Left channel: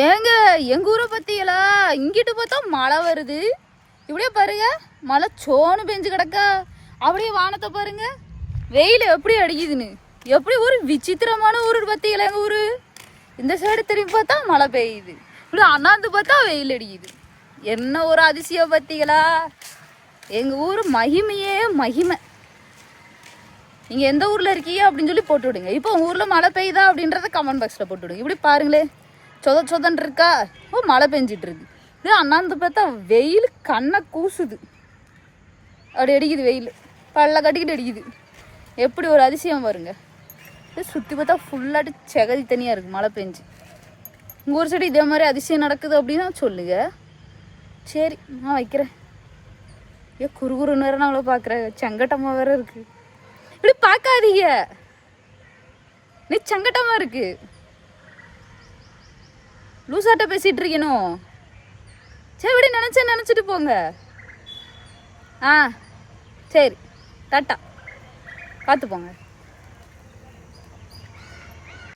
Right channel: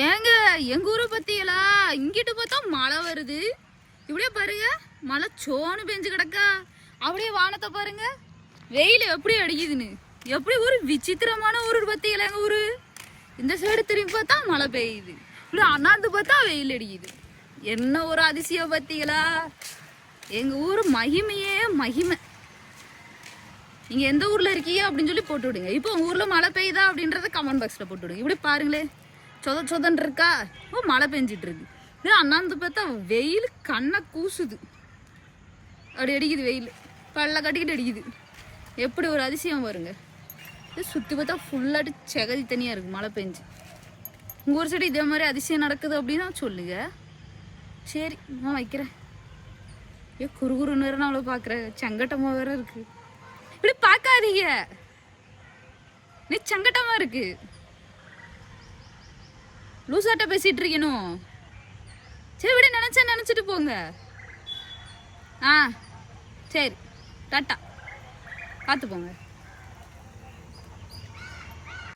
ஏங்க எங்க ஊரை பத்தியலா? இங்கிட்டு பார்த்தா மழை வருது. இப்படியே பாருங்க மழை சோனு பெஞ்சு கிடக்கா. அப்படியே வானத்தை பாருங்க. வெயில் எப்படி அடிக்குதுன்னு. எப்படி ஒரு விசித்திரமான ஊர் பத்தியல எங்க ஊரு? இந்த சைடு திரும்பி பார்த்தா மழை பெய்யுது. இப்படி அண்ணாந்து பார்த்தா வெயில் அடிக்குது. என்ன ஒரு அதிசயம் பத்திகளா எங்க ஊர் மகிமையே மகிமை. நீங்க எந்த ஊர்ல இருக்கீங்க அப்படின்னு சொல்லி போட்டு விடுங்க. இப்போ உங்க ஊர்ல மழை பெய்யுதா அப்படின்றத கமெண்ட் பாக்ஸ்ல போட்டு விடுங்க. இப்படி பாருங்களே சொத சொதன் இருக்கா? ஓ மழை பெஞ்சிட்டு இருக்கு இது அண்ணாந்து பார்த்தா வெயில் கண்ணை கூசுது. அப்படி அடிக்குது வெயில். பல்ல கட்டிக்கிட்டு அடிக்குது. எப்படி ஒரு அதிசயம் வருங்க இது சுற்றி பார்த்தா ஃபுல்லாட்டு செகதி தனியாக இருக்குது மழை பெஞ்சு. உங்கள் ஊர் சைடு இதே மாதிரி அதிசயம் நடக்குது அப்படின்னா சொல்லுங்க. சரி நான் வைக்கிறேன். ஏ குறுகுறுன்னு வேற நாங்கள பார்க்குறேன் செங்கட்டமாக வேற இருக்கு. இப்படி பார்க்காதீங்க. நீ செங்கட்டமாக இருக்குது லூசாட்ட பேசிட்டு இருக்கணும் சரி விட நினைச்ச நினைச்சிட்டு போங்க. ஆ சரி டாட்டா. பார்த்து போங்க.